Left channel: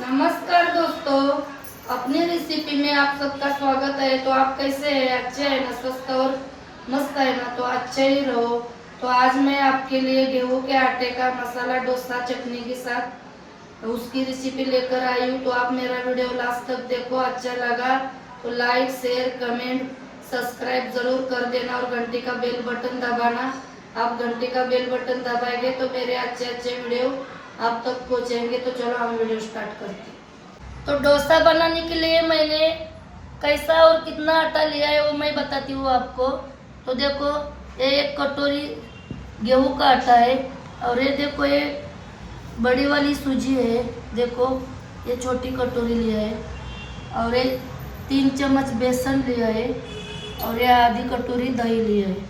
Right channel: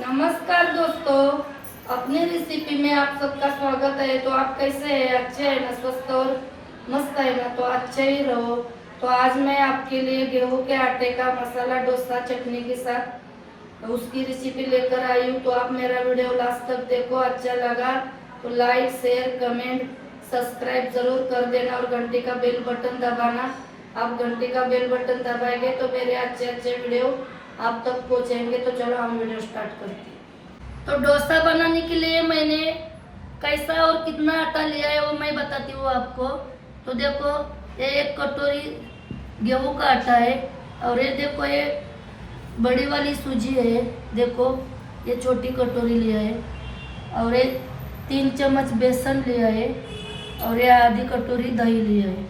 नमस्कार दोस्तों, अपनी रेसिपी में आप सबका स्वागत है। तो आप कैसे हैं? अच्छे हैं ना? स्वस्थ और मस्त है ना? तो अच्छे ही रहो। तो आज मैं आपके लिए गेहूं के आटे का मसाला डोसा चटनी के साथ उसकी रेसिपी लेकर आई हूँ। तो आप मेरा वीडियो लास्ट तक देखो। अच्छा लगा तो लाइक शेयर कमेंट सब्सक्राइब जरूर कर देना और घंटी का बेल बटन दबाना। आप घंटी का बेल बटन दबाएंगे तो मेरे अच्छे अच्छे वीडियो आप तक पहुंचेंगे। तो चलो हम वीडियो स्टार्ट करते हैं। तो डोसा बनाने के लिए मैंने कैसा और कितना आटा लिया है वो मैं बताती हूँ आपको। तो देखो, ये 1 कटोरी गेहूं का आटा है और ये देखो, ये बड़ी वाली सूजी है। देखो, ये छोटी कटोरी लिया है और ये 3 चम्मच बेसन लिया है और ये आधी कटोरी दही लिया है।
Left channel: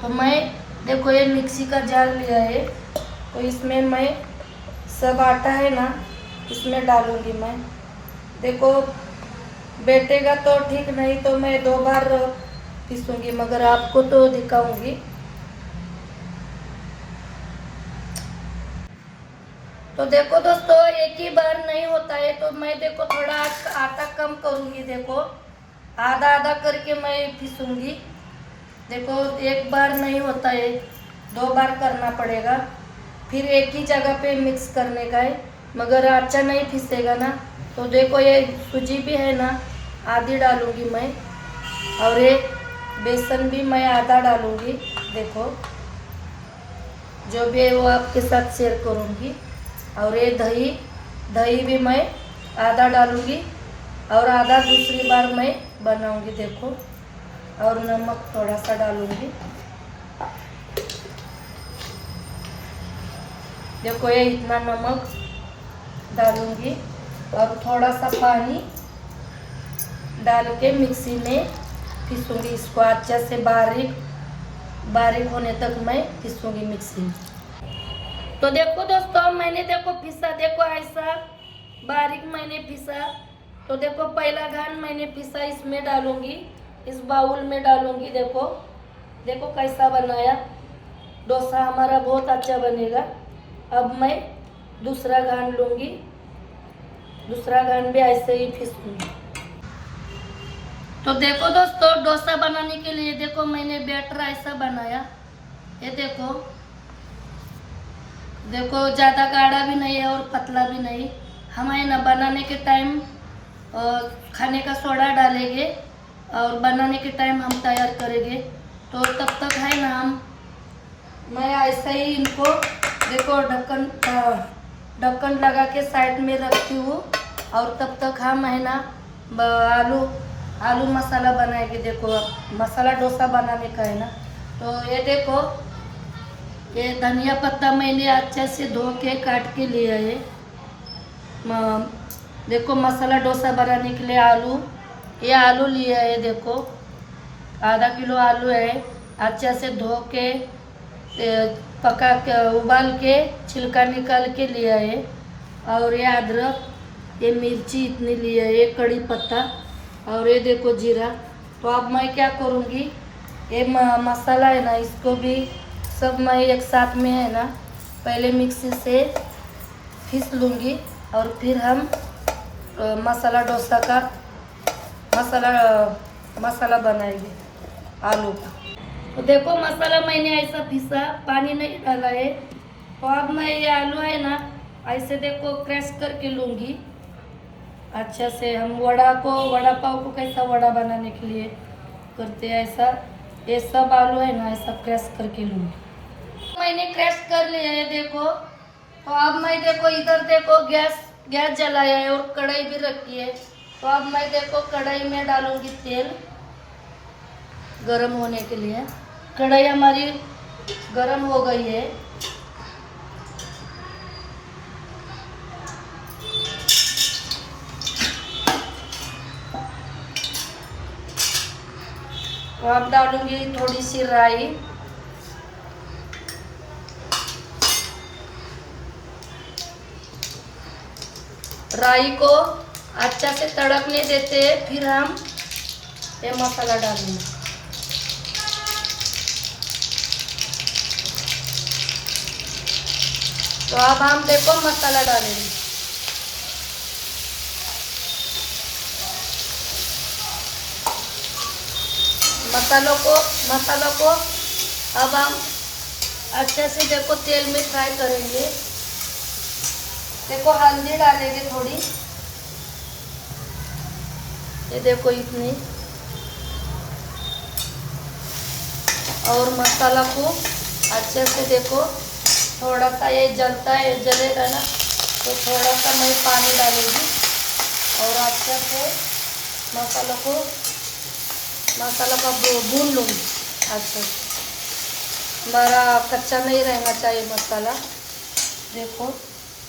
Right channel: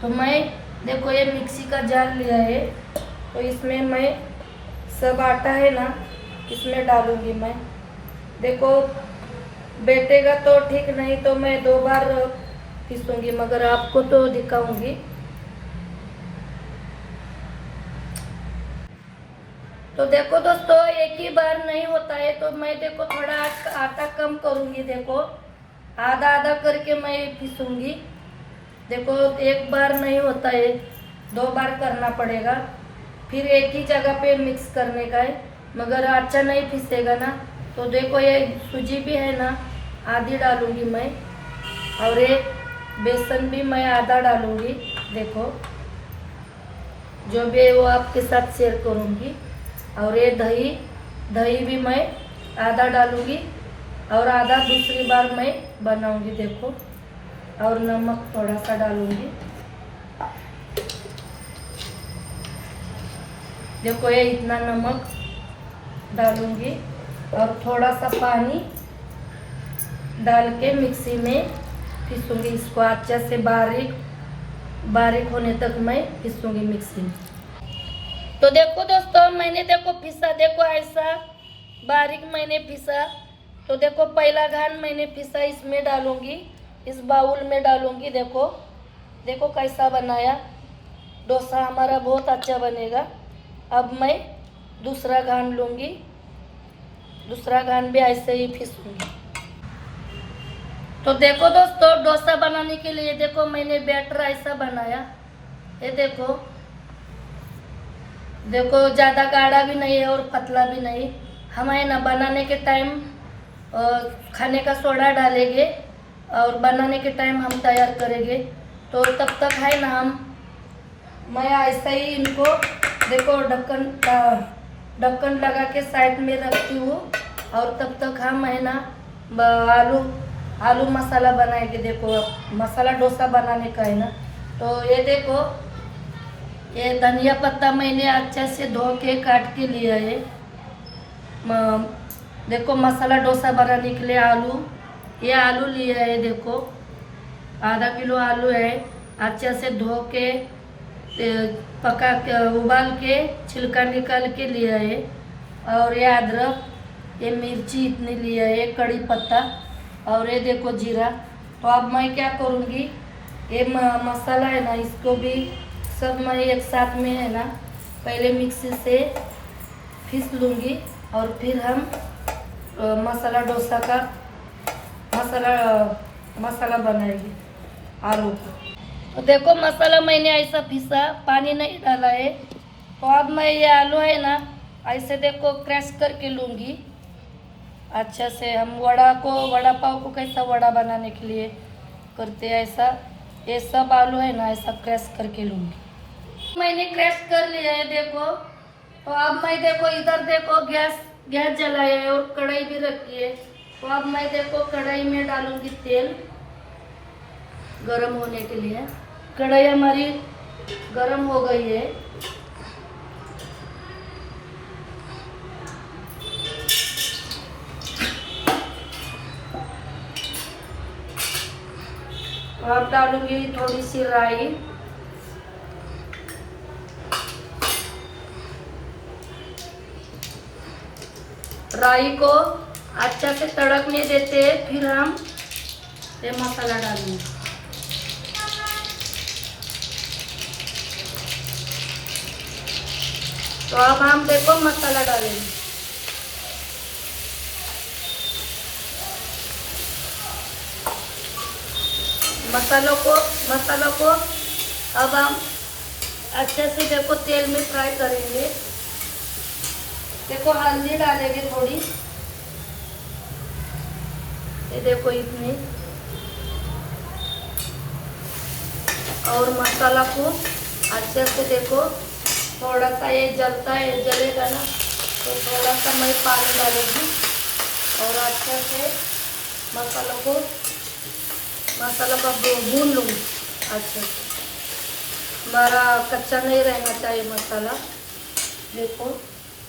तो मैं देखो, ये मिक्सी का जार लिया है। तो इसमें मैं सब आटा है ना, इसमें डालूंगी मैं। देखो, बैठेगा तो ठीक, नहीं तो मैं 2 बार पीसूंगी, मगर आपको तो दिखाऊंगी। तो देखो दोस्तों, एक ही बार नहीं होता है, तो मैं देखो थोड़ा आटा कम करूंगी। देखो, आधा आधा करके मैं पीसूंगी। देखो, एक बार नहीं होता है, 2 बार करना पड़ेगा। फिर एक ही जगह पे मिक्स करने का है, मगर अच्छा नहीं पिसेगा ना। तो देखो, ये सूजी भी है ना, आधी डालूंगी मैं और ये बेसन भी मैं आधा डालूंगी। देखो, जो भी है वो आपके साथ शेयर करूंगी। और ये दही भी मैं आधा डालूंगी और आधा दूसरी बार मैं बनाऊंगी। देखो, और नमक थोड़ा सा डालूंगी। देखो, ये इतना नमक डालूंगी और थोड़ा सा पानी डाल के मिक्सी में पीसूंगी। इसको अच्छे से बारीक होने तक मैं पीसूंगी मिक्सी में। तो देखो दोस्तों, मैंने देखो पीसा। देखो, ऐसा बारीक मैंने पीसा। तो देखो, पहला घान मैंने पीसा इसमें डालूंगी, इस बाउल में डालूंगी। देखो देखो कैसा बनाया। डोसा हमारा बहुत अच्छा बनेगा। अब मैं दूसरा घान लूंगी, दूसरा घान भी ऐसे ही पीसूंगी। तो देखो दोस्तों, डोसा बनाने के लिए देखो मैंने बैटर ऐसा बनाया। ये देखो देखो, ज़्यादा गाढ़ा भी नहीं है और पतला भी नहीं। हम है ना बनाने के टाइम खाने का सोडा डालेंगे और बनाने के टाइम हम तैयार करेंगे। तो तब तक है ना मैं ऐसा ही इनको देखो ढक्कन लगा के साइड में रखती हूँ। और तब तक हम है ना आलू मसाला बनाएंगे। देखो, मसाला डोसा बनाने का है ना। तो ये देखो, ये धनिया पत्ता मैंने अच्छे से धो के काट के लिया है। देखो, मसाला डोसा बनाने के लिए ये आलू लिया है। देखो, आधा किलो आलू है, अच्छे से धो के पका के उबाल के छिलका निकाल के लिया है। और ये अदरक, ये मिर्ची इतनी लिया है, ये कड़ी पत्ता और ये देखो जीरा। तो अब मैं क्या करूँगी, ये मसाला है ना, इसको भी सब मैं एक साथ में है ना पहले मिक्सी से पीस लूँगी और फिर हम मसाला डोसा का मसाला बनाएंगे आलू का। तो देखो, मसाला मैंने ऐसा पीसा, पानी नहीं डाला है। तो अब मैं ये आलू है ना ऐसे देखो क्रश करके लूँगी अच्छा से। हम वड़ा पाव को कैसा वड़ा बनाने के लिए करते हैं, ऐसा ये सब आलू है ना ऐसा क्रश करके लूँगी। मैंने क्रश कर लिया है। देखो, तो अब मैं देखो इधर देखो गैस जलाया है और कढ़ाई भी रखी है। तो अब मैं देखो कढ़ाई में डालूंगी तेल गरम होने के लिए। कढ़ाई हमारी गरम हो गई है। अब डालूंगी थोड़ी सी राई। राई को अच्छा से तड़कने देते हैं, फिर हम ये मसाला डालेंगे। तो अब हम देखो मसाला डालेंगे। मसाला को अब हम अच्छे से देखो तेल में फ्राई करेंगे। देखो हल्दी डालेंगे थोड़ी, ये देखो इतनी, और मसाला को अच्छे से देखो थोड़ा सा ये जलता है, जलेगा ना तो थोड़ा सा मैं पानी डालूंगी और अच्छे से मसाला को भून लूँगी। अच्छा, हमारा कच्चा नहीं रहना चाहिए मसाला। देखो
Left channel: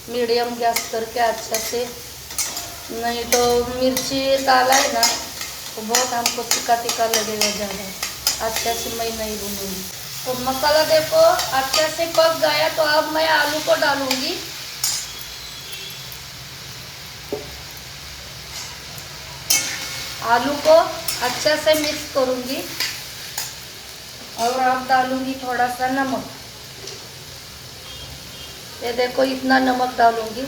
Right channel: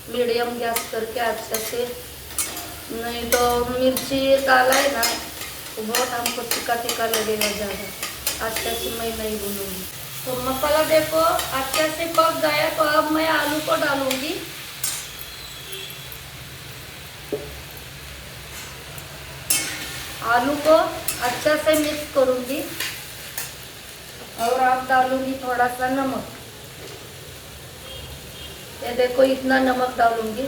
मीडियम गैस करके अच्छे से, नहीं तो मिर्ची डाला है ना तो बहुत हमको तीखा तीखा लगेगा ज़्यादा। अच्छे से मैं नहीं भूनूंगी। तो मसाला देखो अच्छे से पक गया, तो अब मैं आलू को डालूंगी। आलू को अच्छे से मिक्स करूंगी और अब डालूंगी थोड़ा सा नमक। ये देखो इतना नमक डालूंगी,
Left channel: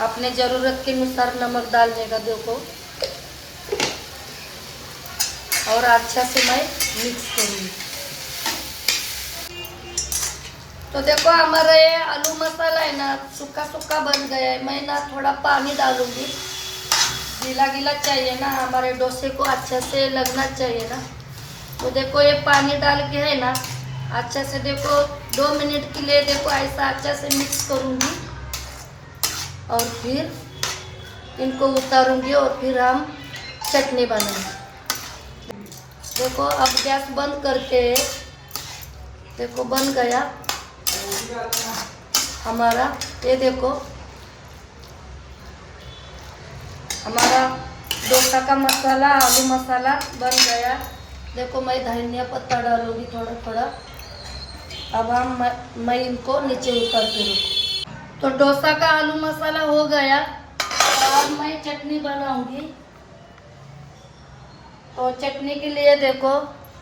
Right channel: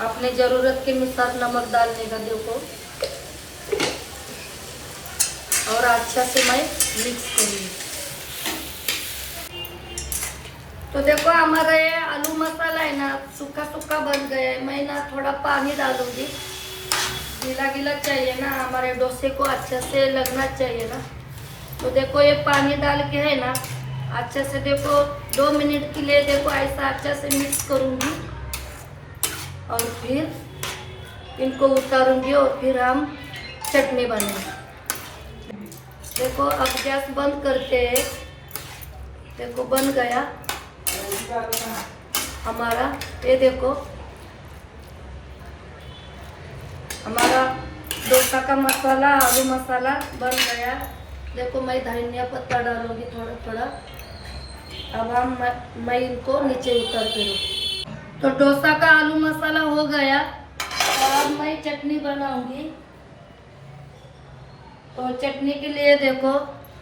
अपने ज़रूरत के अनुसार नमक डालने का देखो, और अच्छा से मैं मिक्स करूंगी। तो देखो हमारा ये आलू मसाला है ना सूखा सूखा बन गया है। मैं ना थोड़ा पानी डालूंगी, गीला गीला चाहिए ना, हमारे डोसे को अच्छे से लगना चाहिए ना। तो देखो ये पानी डाल के है ना अच्छे से देखो 2 मिनट के लिए देखो ऐसा अच्छे से मिक्स करूंगी और फिर इनको उतारूंगी और फिर हम चटनी बनाएंगे। देखो अब गैस बंद करके, देखो बन गया हमारा, ये देखो हमारा डोसा का मसाला, आलू मसाला बन गया। देखो मैं धनिया पत्ता डालूंगी थोड़ा थोड़ा। अब मैं इनको नीचे उतारती हूँ। तो डोसा का आलू मसाला हो गया, तो अब मैं चटनी बनाऊंगी। तो चटनी के लिए देखो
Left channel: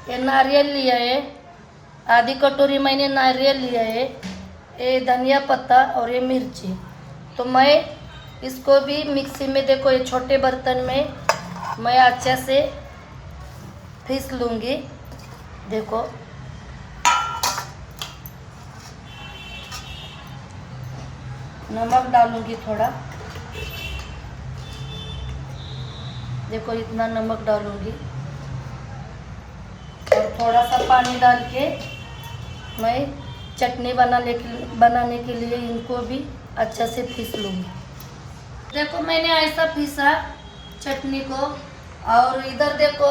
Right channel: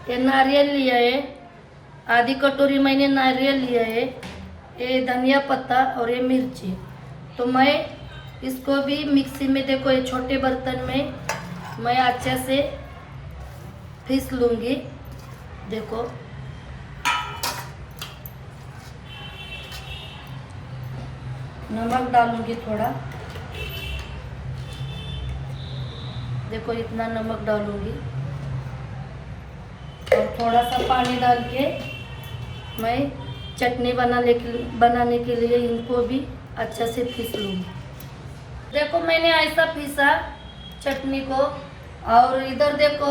ये नारियल लिया है, आधी कटोरी मैंने नारियल लिया है, ये धनिया पत्ता और ये मिर्ची। तो मैं इसको भी मिक्सी में देखो ये छोटे बर्तन में मैं अच्छे से पीस लूँगी। देखो नमक डालूँगी थोड़ा, देखो इतना नमक डालूँगी और थोड़ा सा पानी डाल के मैं चटनी बनाने के लिए इनको भी अच्छा से पीस लूँगी। देखो मैंने ऐसा पीसा चटनी को, और इधर देखो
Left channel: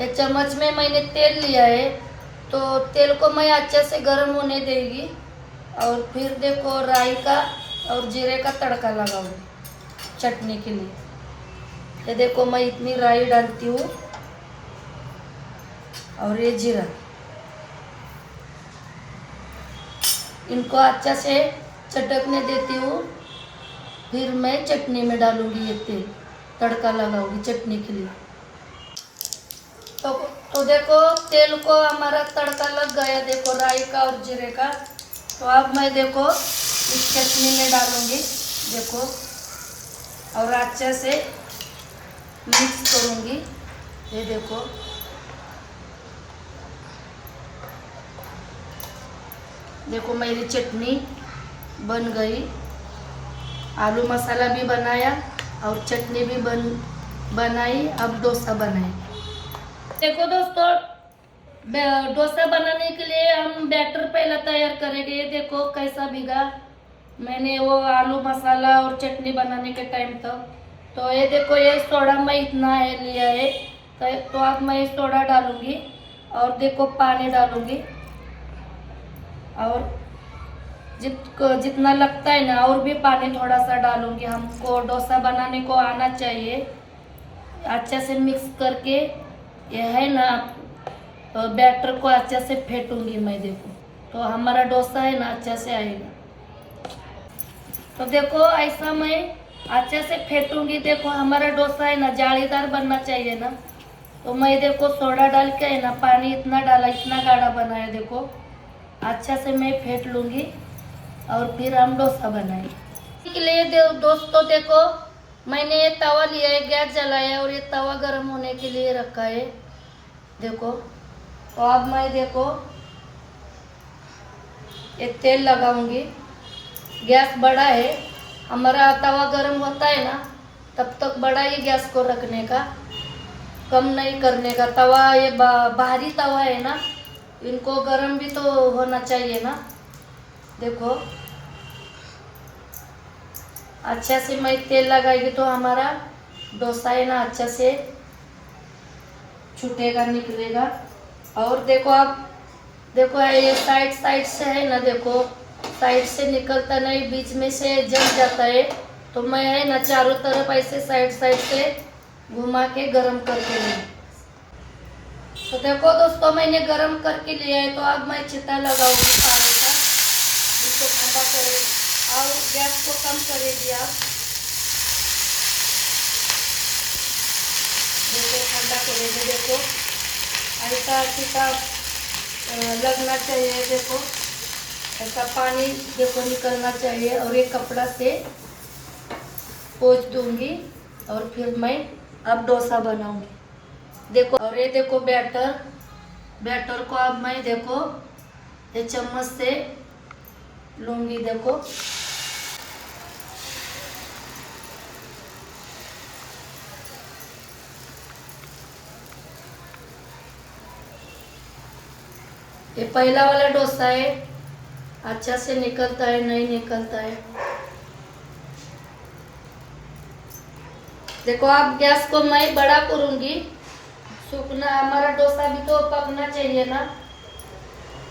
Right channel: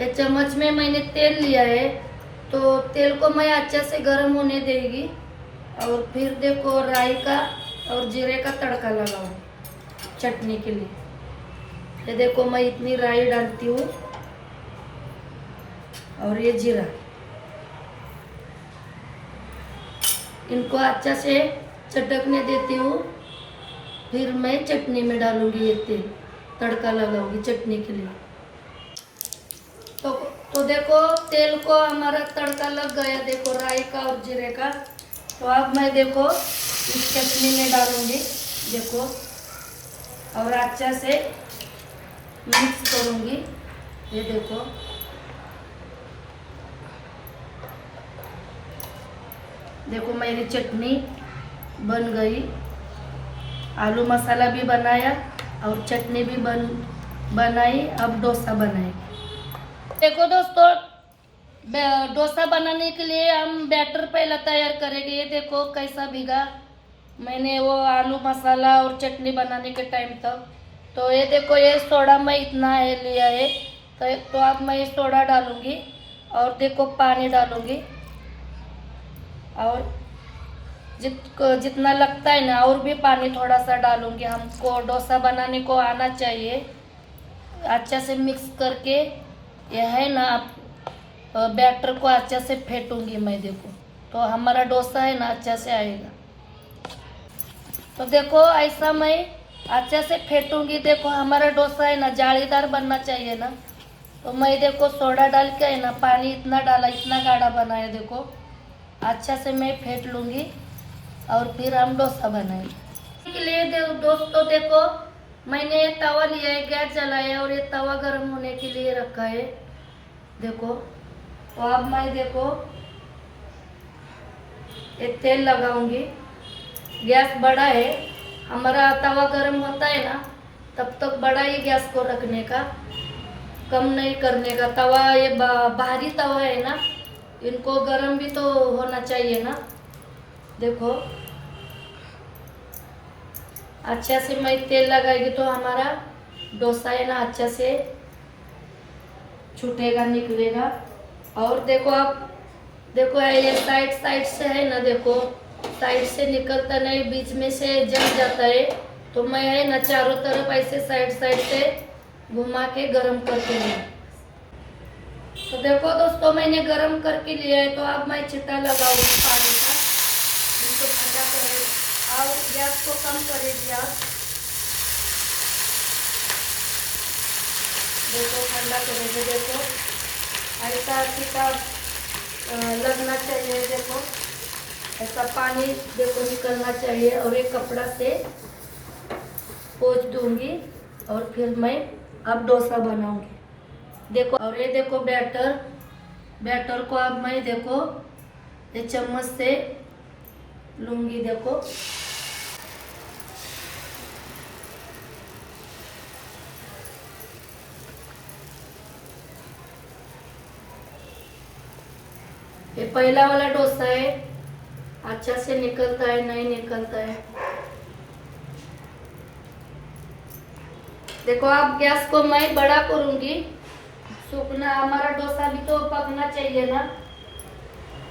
ये चम्मच में मैंने तेल लिया है, तो तेल को मैं अच्छे से गर्म होने देगी और फिर देखो राई का और जीरे का तड़का लगाऊंगी चटनी के लिए। ये देखो मैं इतनी राई डालती हूँ और ये जीरा, इनको अच्छा से चटकने देती हूँ। फिर मैं चटनी में डालूंगी ये तेल, तड़का लगाऊंगी चटनी के लिए। तो देखो तेल को हमारा तड़का लग गया, देखो राई का और जीरे का। तो अब मैं देखो इस चटनी में डालूंगी देखो, और अच्छा से मिक्स करूंगी। ये देखो देखो मेरी चटनी बन गई, आलू मसाला भी बनाया और चटनी भी बनाई। अब डोसा बनाए। देखो दोस्तों डोसा बनाने के लिए हम बैटर पहले तैयार करेंगे। देखो कैसा भीगा मैंने वो आलू मसाला और चटनी बनाने के टाइम तक। तो ये देखो ये सोडा मैं इतना है लिया है, तो अब मैं सोडा डालूंगी और देखो पानी डालूंगी, और जितना लगता है ना और भी पानी थोड़ा सा डालूंगी। हमको डोसा बनाने को आना चाहिए। अच्छा से मिक्स करके यह है ना बैटर को अच्छा से फेंटूंगी मैं। देखो तो हमारा डोसा है ना अच्छा से आएगा। तो देखो ऐसा मैं अच्छा से फेंटूंगी। देखो हमारा डोसा है ना जालीदार बनना चाहिए ना, तो मैं देखो सोडा डाल के है ना पानी इतना डाला, इतना गाढ़ा बनाया। देखो अच्छा से मैं फेंट लूँगी और फिर हम डोसा बनाएंगे। इसके लिए दोस्तों देखो मैंने ये तवा लिया है, गैस जलाया और ये तवा गर्म होने के लिए रखा है। देखो। तो अब मैं देखो ये तेल लगाऊंगी। गैस बड़ा है, हमारा तवा गरम होता है ना, तब तक बड़ा ही गैस को रखने का, कम नहीं करने का। तवा ये बाहरी तवा है ना, इनको गरम भी तो होना चाहिए ना। देखो अच्छा से मैं तेल लगाएगी तो हमारा डोसा है ना अच्छा से छूटेगा, निकलेगा। और देखो आप, देखो ये साइड साइड से है ना, देखो साइड से निकलता नहीं, बीच में से जम जाता है। तो मैं है ना चारों तरफ ऐसे साइड साइड से घुमा के गरम करके लूँ। तो देखो दोस्तों मैंने गरम करके लिया है। तो अब मैं छिट्टा लगाऊंगी पानी का, इसको ठंडा करे और गैस को कम करेगी आप। देखो ठंडा करेगी, देखो ऐसा छिट्टा लगना चाहिए। देखो ऐसा पानी देखो निकलना चाहिए। और एक कपड़ा से पोंछ दूंगी और फिर मैं अब डोसा बनाऊंगी। देखो और ये देखो बैटर, बैटर को अब मैं देखो ये चम्मच से लूंगी। देखो ये पहला वाला डोसा है, अच्छा से निकलता है नहीं निकलता है। देखो अब गैस को मैं बड़ा करूंगी, सूखना हमारा डोसा भी तो पकना चाहिए ना।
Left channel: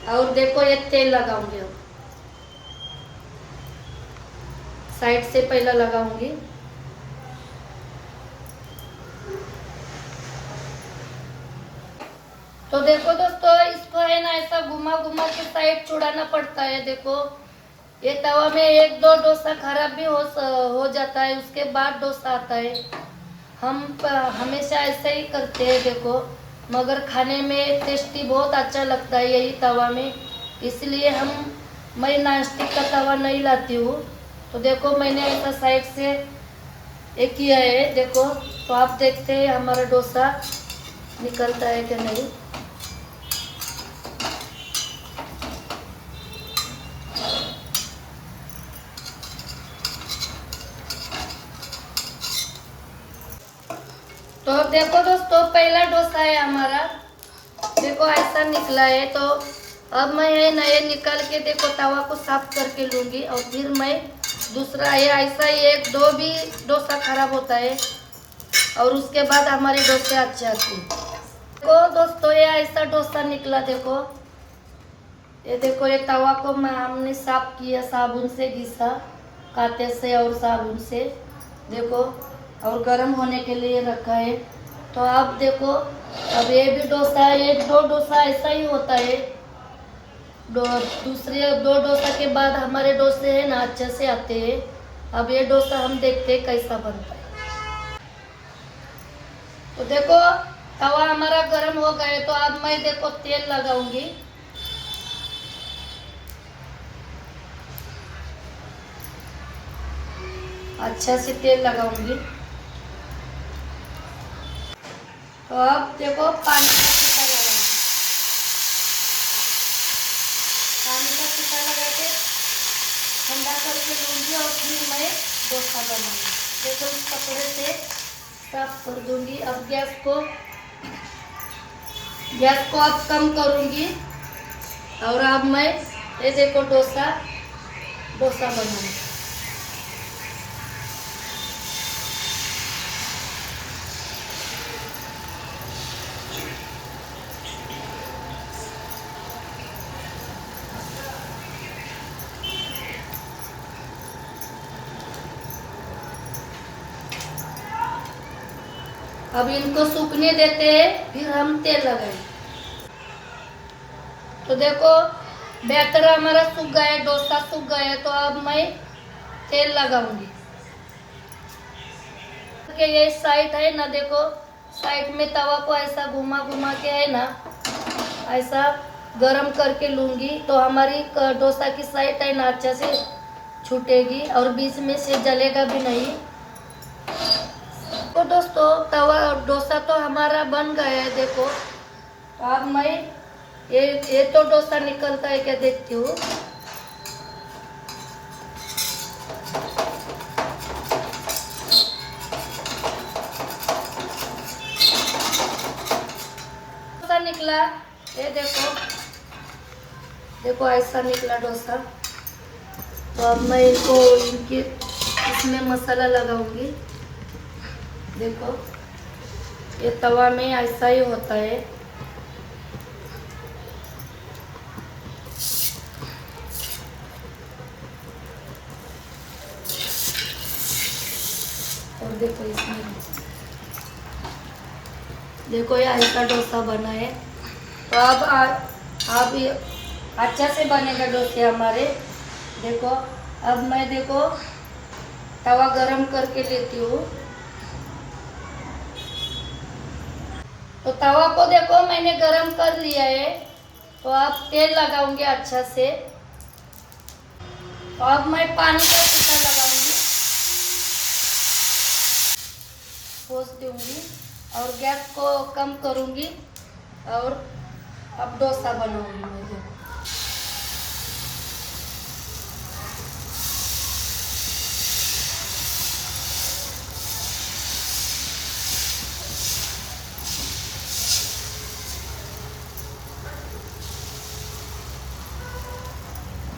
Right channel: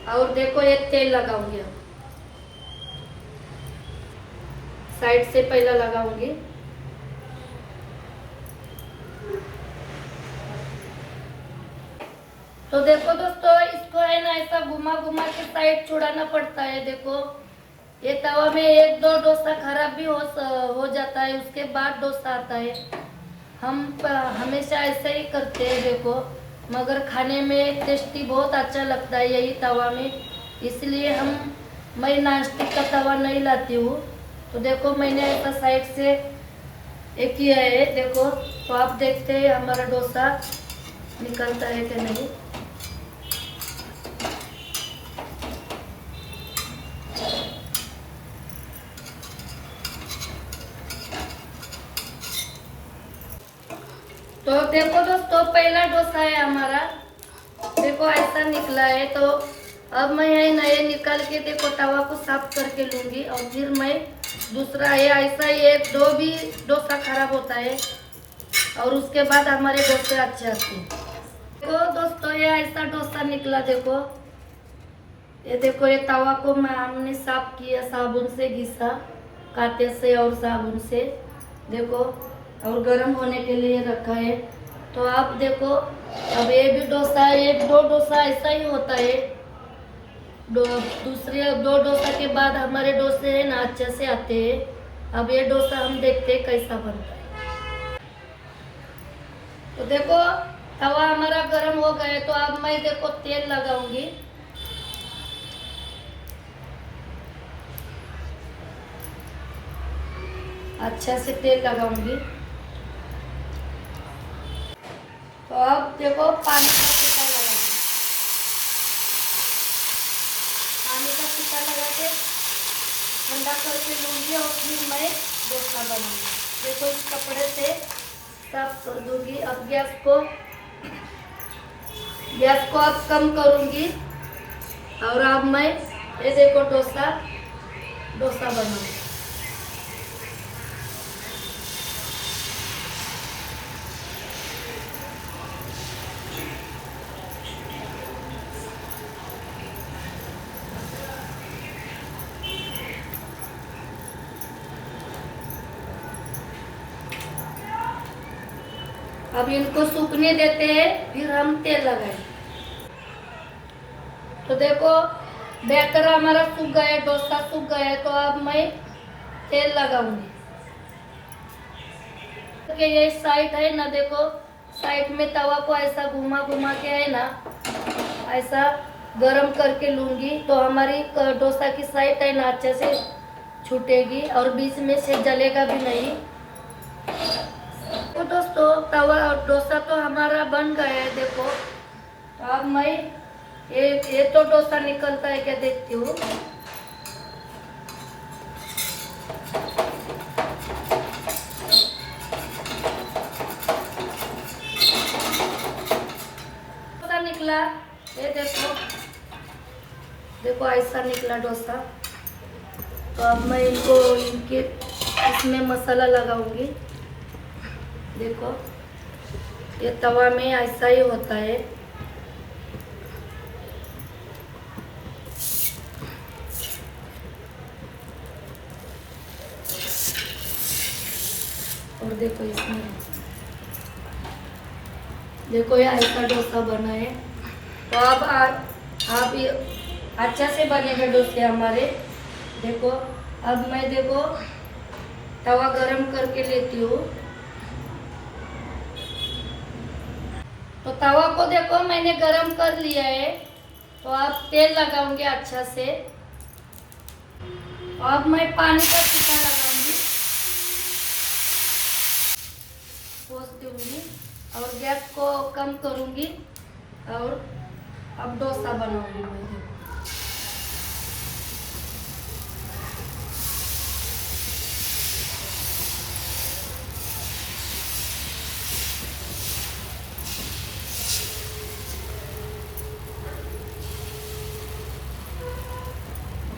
और देखो ये तेल लगाऊंगी, अब साइड से पहला लगाऊंगी। तो देखो दोस्तों इसको है ना ऐसा घुमा घुमा के साइड छुड़ाना पड़ता है। देखो ये तवा में एक दो डोसा खराब भी हो जाता है, उसके बाद डोसा आता है। हम हमेशा ऐसा ही करते हैं देखो, मगर खाने में टेस्टी बहुत अच्छा लगता है यही तवा में, इसलिए मैं नॉनस्टिक का तवा नहीं लाती हूँ। तो देखो मैंने ऐसा साइड से एक किया है देखो। तो आप देखते हैं हमारा डोसा निकलता है कि नहीं। तो देखो दोस्तों पहला डोसा है हमारा, देखो ऐसा निकला है। तो अब मैं ये नए निकाल के देखो तवा को साफ करके लूंगी और फिर मैं दूसरा ये ऐसा ही एक दो भी डोसा खराब होता है और उसके बाद हमारे डोसे अच्छे आते हैं। देखो दोस्तों ये ऐसा डोसा निकला। देखो ये तवा को हमने साफ किया, साबुन से घिसा, कांटे से और साबुन से। देखो और गर्म होने के लिए रखा है। तो आप देखो अब ये भी डोसा है, ये दो डोसा ऐसा ही होता है। दूसरे दो डोसा के बाद हमारे डोसे है ना अच्छे से आते हैं। अब ये डोसा हम देखते हैं कैसा बनता है। तो देखो तवा हमारा गर्म हो गया है। तो अब मैं देखो तेल लगाऊंगी। अच्छा से तेल लगाऊंगी। तो अब देखो पानी का छिट्टा लगाऊंगी, पानी का छिट्टा लगा के ठंडा करके लूंगी और फिर मैं डोसा बनाऊंगी। देखो इस कपड़े से साफ कर दूंगी। अब गैस को अब कम करूंगी और अब मैं ये देखो डोसा बनाऊंगी। अब इनको सूखने देते हैं, फिर हम तेल लगाएंगे। तो देखो बैटर हमारा सूख गया है, डोसा सूख गया है। तो अब मैं तेल लगाऊंगी। ये साइड है ना, देखो साइड में तवा को ऐसा घुमा घुमा के है ना ऐसा गरम करके लूंगी। तो हमारी डोसा की साइड है ना अच्छे से छूटेगी और बीच में से जलेगा भी नहीं। तो दोस्तों तवा डोसा तो हमारा बन गया है। देखो तो अब मैं ये तो डोसा निकलता है क्या देखती हूँ। डोसा निकला, ये देखो देखो ऐसा निकला डोसा। तो अब मैं इसमें मसाला लगाऊंगी। देखो ये तवा में ऐसा ही होता है। और देखो इसमें देखो ये ऐसा डोसा बना है। तो अब आप ये अच्छा से बनेगा डोसे हमारे। देखो अब मैं देखो तवा गरम करके लेती हूँ। तो तवा को देखो मैंने गरम कर लिया है। तो अब तेल लगाऊंगी अच्छा से। तो अब मैं पानी का छींटा लगाऊंगी, पोंछ दूंगी और गैस को कम करूंगी और अब डोसा बनाऊंगी मैं।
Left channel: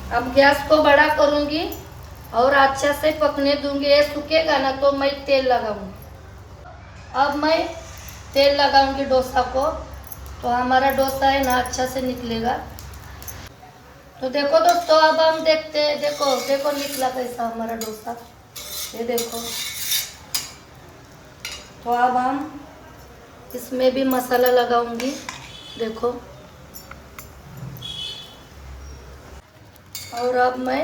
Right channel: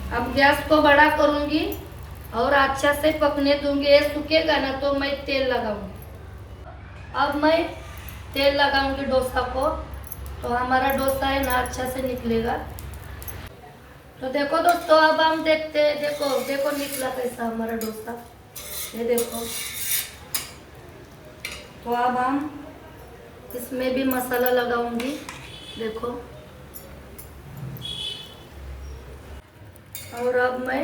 अब गैस को बड़ा करूंगी और अच्छा से पकने दूंगी। ये सूखेगा ना तो मैं तेल लगाऊंगी। अब मैं तेल लगाऊंगी डोसा को, तो हमारा डोसा है ना अच्छा से निकलेगा। तो देखो दोस्तों अब हम देखते हैं। देखो देखो निकला कैसा हमारा डोसा, ये देखो। तो अब हम इसमें भी मसाला लगाऊंगी। देखो और अब मैं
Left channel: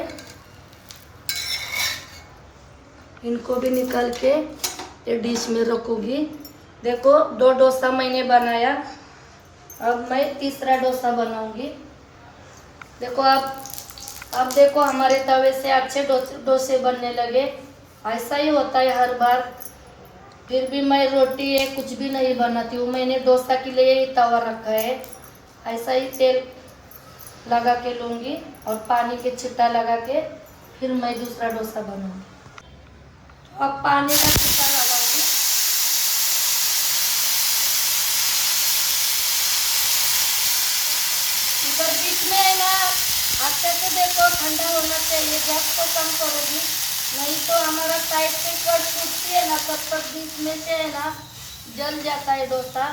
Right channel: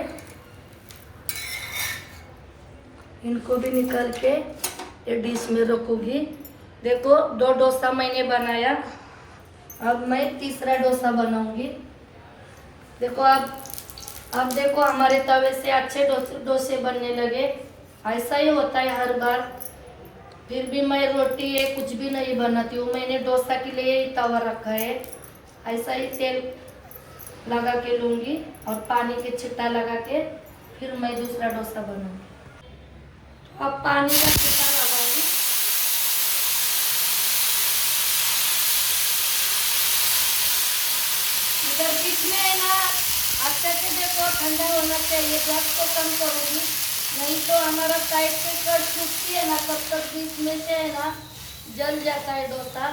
इनको भी निकाल के ये डिश में रखूंगी। देखो 2 डोसा मैंने बनाया, अब मैं तीसरा डोसा बनाऊंगी। देखो अब देखो हमारे तवे से अच्छे डोसे बनने लगे। ऐसा ही होता है हर बार। फिर भी मैं रोटी ये कुछ भी नहीं बनाती हूँ। मैंने डोसा के लिए ही तवा रखा है। ऐसा ही तेल लगा के लूँगी और पानी के छिट्टा लगा के फिर मैं दूसरा डोसा बनाऊंगी। अब पानी का छिट्टा लगाऊंगी। इधर बीच में है ना अच्छे से देखो ठंडा होना चाहिए। गैस को कम करूँगी, नहीं तो हमारा साइड से कट छूटती है ना, तब बीच में से है ना जल जाता है डोसा।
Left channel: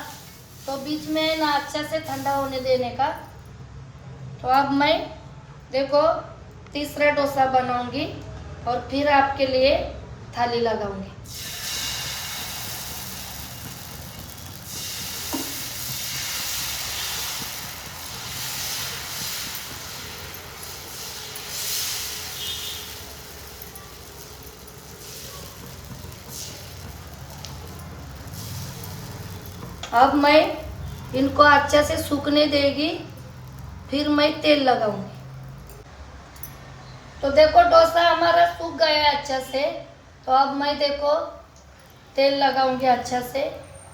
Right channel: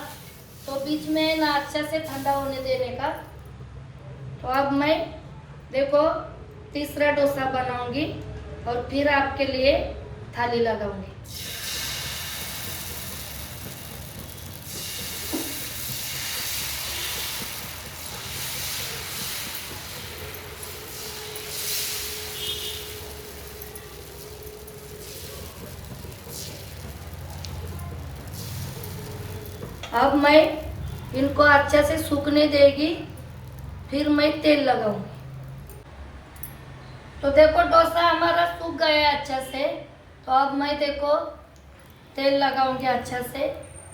तो बीच में है ना अच्छा से ठंडा होने देने का। तो अब मैं देखो तीसरा डोसा बनाऊंगी और फिर आपके लिए थाली लगाऊंगी। अब मैं इनको अच्छा से सूखने देगी, फिर मैं तेल लगाऊंगी। तो देखो डोसा हमारा सूख गया है अच्छा से। तो अब मैं देखो तेल लगाऊंगी अच्छा से,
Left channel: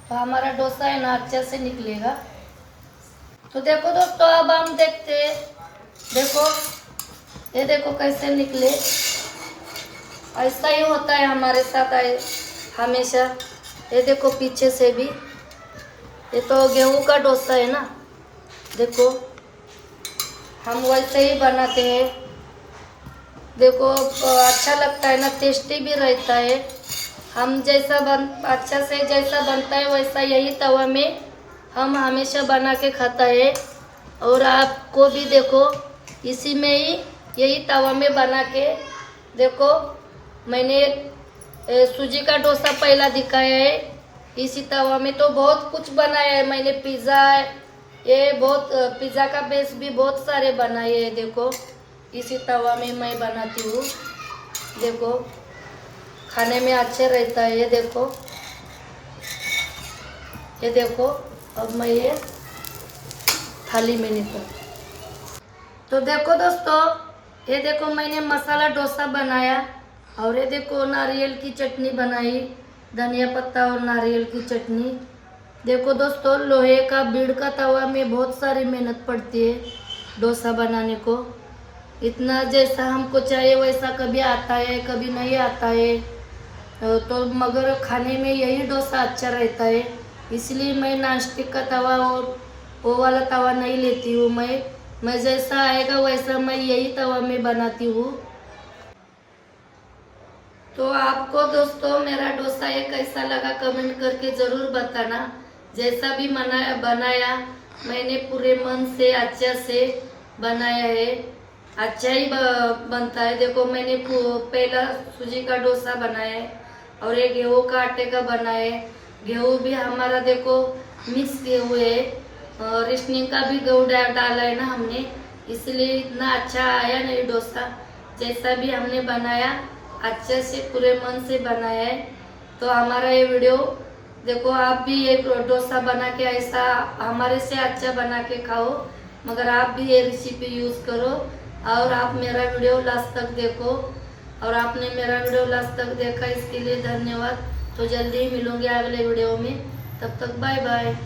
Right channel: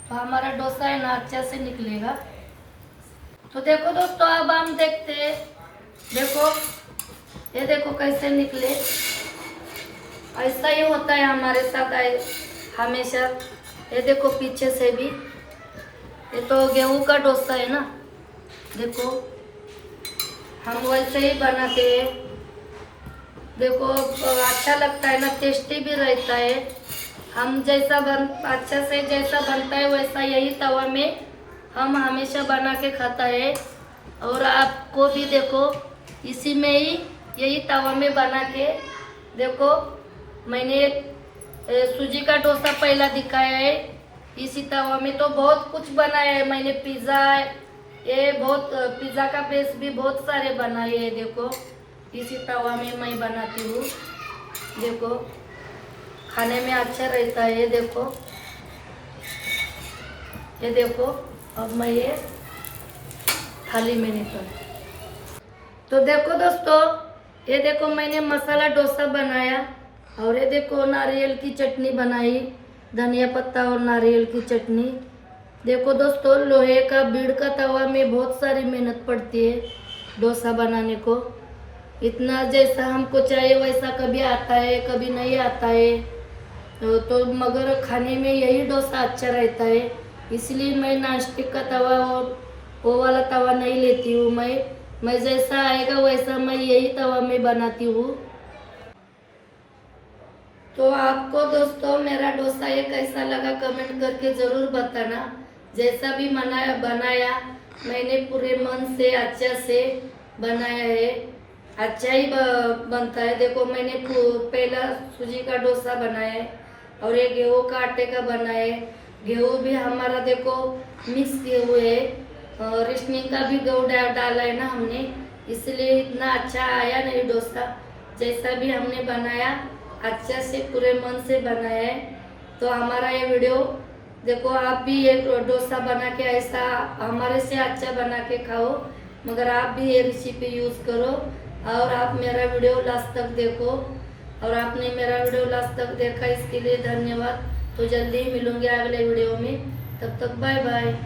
तो हमारा डोसा है ना अच्छा से निकलेगा। तो देखो दोस्तों अब हम देखते हैं। देखो ये देखो कैसे निकले। ऐसा ही होता है हमारे साथ हमेशा। ये देखो पीछे से भी, ये तो गेहूं का डोसा है ना। देखो हम वैसे ही बनाते हैं। देखो अच्छा लगता है ना, टेस्टी भी रहता है। हम अच्छा से जैसा बनता है वैसा यही तवा में हम हमेशा बना के खाता है। और आपको भी देखो इसी में ही यही तवा में बना के देखो। मैंने सूजी का डोसा पहला दिखाया है इसी तवा में। तो बहुत कुछ बनाया है मैंने। पिज़्ज़ा ये बहुत पिज़्ज़ा का बेस भी बहुत सारे बनाए हैं। देखो इसी तवा में मैं बनाती हूँ। देखो खाने में अच्छा रहता है। ये देखो अब मैं ये थाली में निकाल। तो देखो दोस्तों ये देखो मैंने मसाला डोसा बनाया और ये देखो नारियल की चटनी बनाई, धनिया पत्ता और नारियल की चटनी। देखो दोस्तों, लोहे का बीड़ का तवा में बहुत सारी मेहनत पड़ती है डोसा बनाने को। इतना जैसा हमको चाहिए वैसा कभी आता है, कभी नहीं आता है। तो मगर खाने में यही डोसा अच्छा रहता है। इसलिए मैं नॉनस्टिक का तवा और वो वाला तवा नहीं लेती हूँ। मैं जैसा आएगा वैसा मैं यही तवा में बनाती हूँ। तो आपको दोस्तों मेरा डोसा ये कैसा लगा कमेंट करके ज़रूर बताना। जैसा भी बनाया मैंने पूरे मन से अच्छा से बनाया है। अच्छा ही बनता है। देखो मैंने पहला सूजी का डोसा बनाया है और ये गेहूं का आटे का बनाया है। गेहूं भी हमारा देखो मिक्स गेहूं है और रेशनिंग का भी गेहूं डाला है ना हमने, इसलिए इतना अच्छा आया नहीं डोसा। जैसा भी हमने बनाया अच्छे से पूरे मन से बनाया है। तो हमारा ये वीडियो देखो, आप भी ये डोसा बना के ऐसा हमारे से अच्छा बना के खाओ। मगर आप भी ये रेसिपी यूज़ करो और आप मेरा वीडियो लास्ट तक देखो। और आपने मेरा वीडियो लास्ट तक देखा इसके लिए धन्यवाद। तो जल्दी ही मिलूंगी अगले वीडियो में। तब तक बाय बाय।